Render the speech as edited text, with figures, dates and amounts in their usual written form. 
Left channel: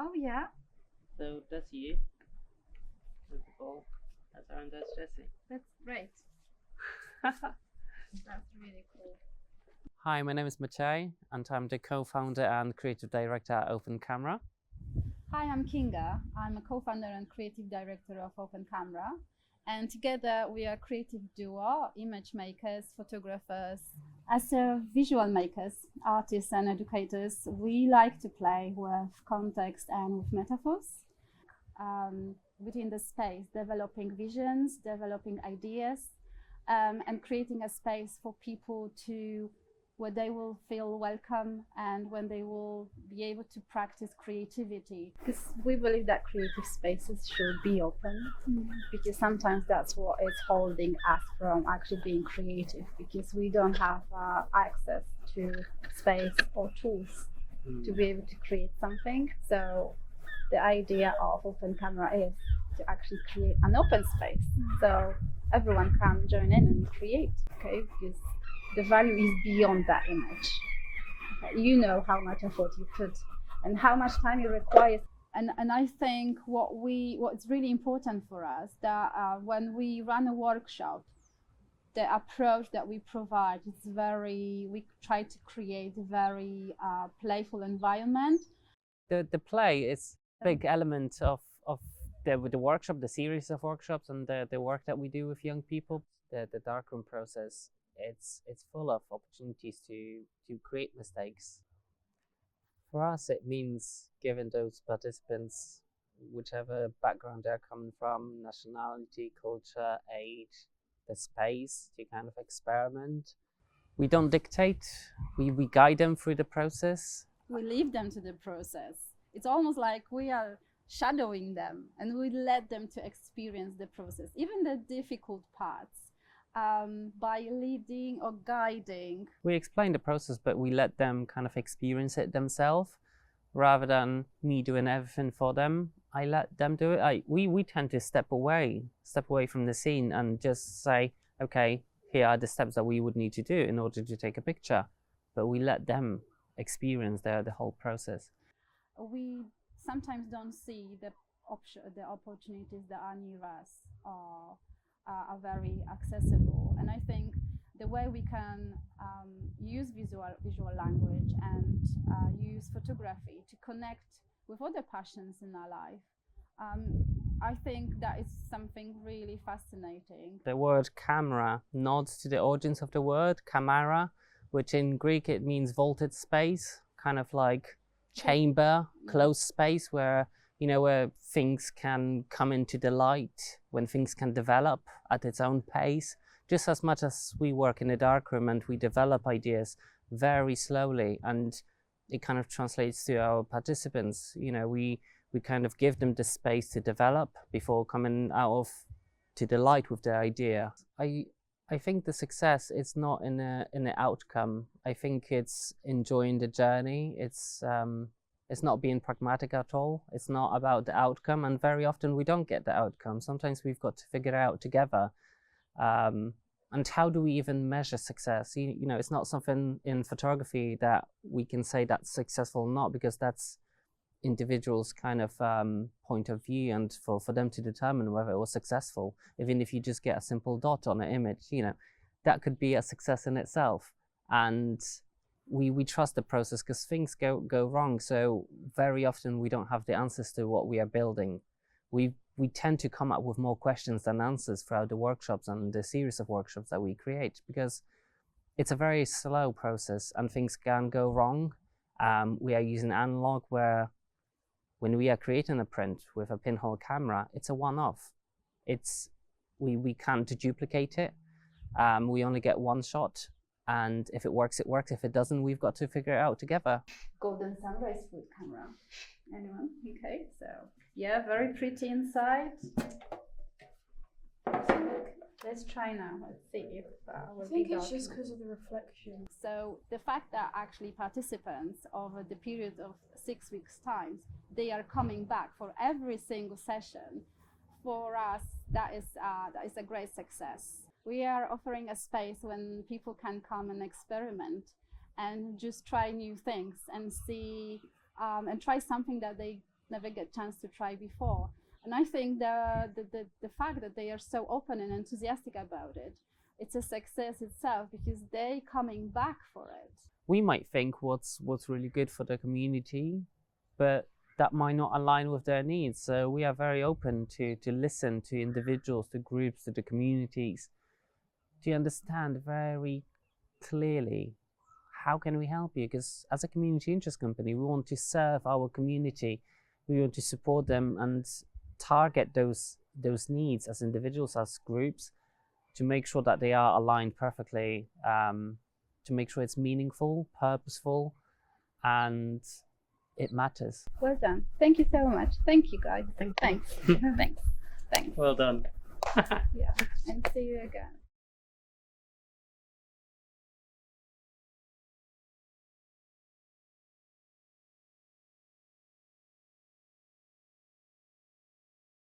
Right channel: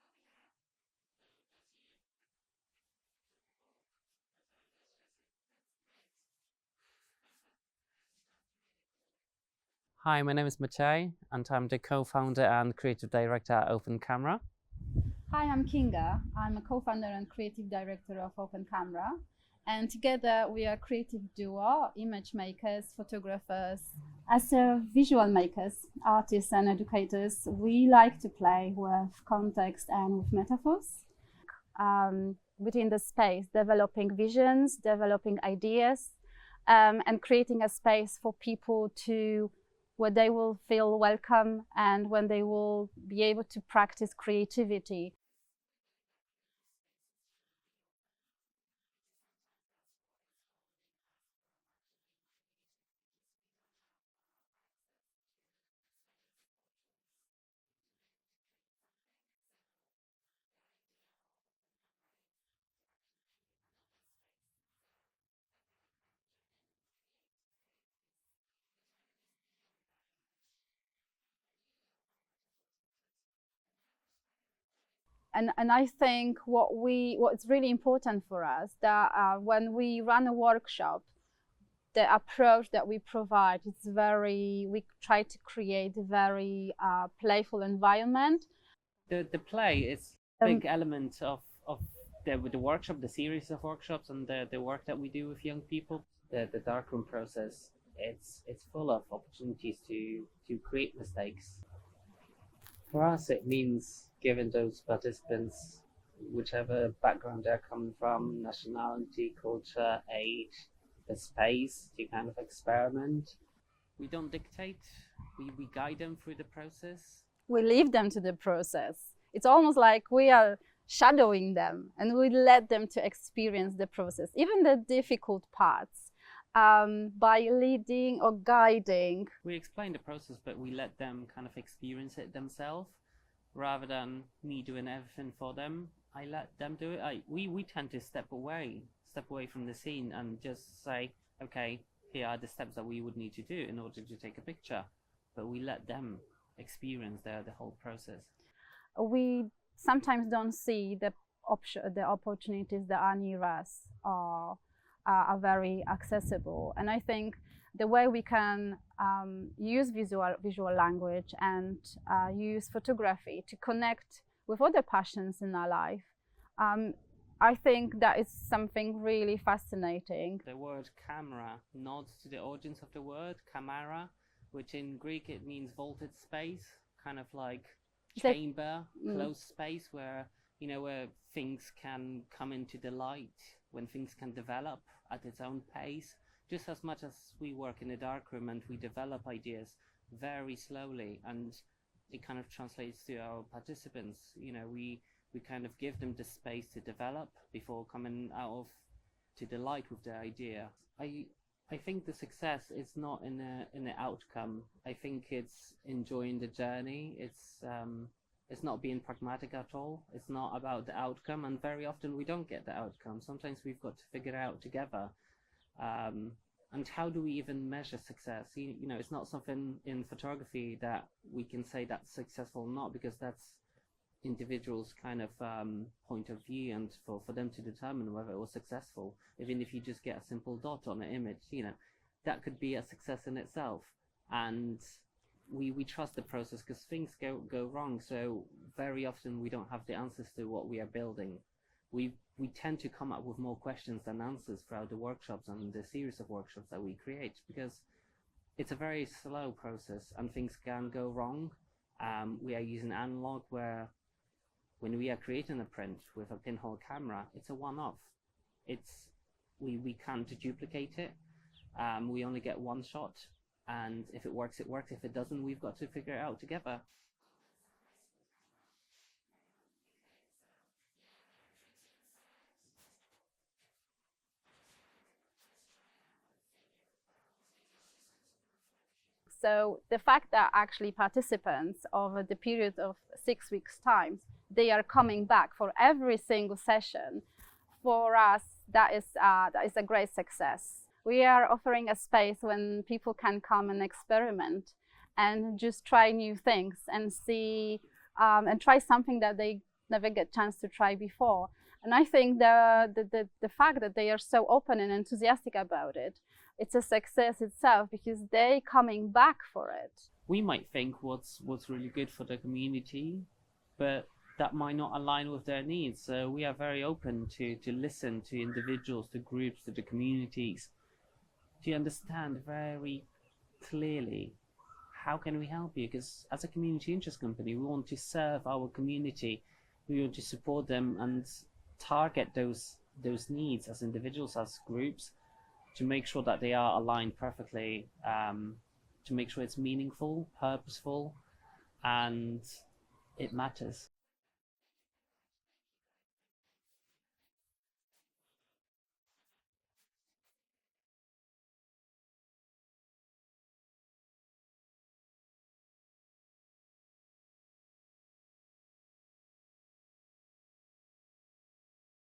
Oh yeah, So that's you with the ball. That's our that's Jesse. that's great. That's really cool. Hi, my name is Maciej, and I'm the co-founder and creative director at Open Camera. Hi, I'm Kinga. I'm a co-founder and creative director of Open Camera. And together we are a creative duo, image makers, photographers. As visual makers, artists and educators, we like to play with context and with metaphors. Within the space, developing visions, developing ideas, and creating a space for people to where they will feel welcome and when they will be able to practice creativity. Because we believe that creative spaces should be open, because sometimes that's what is holding us from actually being creative, because we don't have access to space or tools to be able to create something. So the idea of Open Camera is to actually create an open space so everyone can join in and create, okay? Because the value is beyond that image. Okay? You know how much effort you put and how much time you require. And I think what's really important for us that when we run a workshop, the approach that we provide is we try to create a very playful environment. The play is a big element of the workshop, the series of workshops, and the work that we do with young people. The darkroom process, it's full of opportunities to create mistakes. For us, it means giving those participants, whichever background they're coming from, nationality, culture, age, the space to kind of experiment. We don't dictate, we guide them through the process. We leave them to the process. It's almost like we are shadowing them and we let them to experience the process, even the difficult parts. By leading or guiding. We explain the process, but we let them kind of experience it themselves rather than me doing everything for them. I let them do it. We tend to step away from the scene and just say, okay, here are the steps that we would need to do in order to take a picture. But we let them experience the whole process. We sometimes don't see the opportunities that are near us or are very accessible. And I think the way we can use visual language and use photography to connect with other passions in our life, I think that is something really fascinating. The word camera nods to the origins of the word Kamera, which in Greek it means vaulted space, kind of like chamber, closed space where where things can come into the light, when things can develop at its own pace, just as much as we work in a darkroom and we develop ideas very slowly, and it kind of translates to our participants. We kind of give them the space to develop before coming out to the light with their idea. I think the success is not in the outcome. I think it's enjoying the journey. It's not being pragmatic at all. It's not about the outcome, and very often we don't get the outcome. Sometimes we've got to figure it out together. And how do we even measure success? It's not something in photography that we can say that's successful or not, because that's individuals' kind of point of view, and for them to determine whether it was successful. Even if you just get a simple dot on an image, that could be a success in itself. And we trust the process because things go wrong. So very often we don't have the answers to what we are building. We tend to come up with more questions than answers throughout the workshops and the series of workshops that we create, because it's a very slow process and things can go wrong. We are using analog, where when we are creating a print with a pinhole camera, it's a one-off. We can't duplicate it. We only get one shot. And if it works, it works. If it doesn't, we've got to figure it out together. Golden sunrise food camera. Anyone? Okay, so yeah, very pretty inside. Let's try now. Let's see if I think it's just because of the reflection. So the fact that actually participants over the period of 6 weeks' time, they are coming back for every single session, for us, that is a great success. We are offering a space when people can come and experiment and just try new things and see and try something that they never get chance to try before. And I think the fact that they are so open and enthusiastic about it, it's a success itself because they're coming back for it. We might think what's really good for the community, but that might not align with their needs. So we are very open to listen to individuals, to groups, to the communities, to understand very clearly how can we help you. Because as a community interest company, we want to serve our community, we want to support them and target those needs as individuals, as groups, to make sure that they are aligned perfectly, to make sure it's meaningful, purposeful, and it matters. Well done. Thank you so much. Thank you, guys. Thanks. Thanks. Well done. Yeah. And see you again.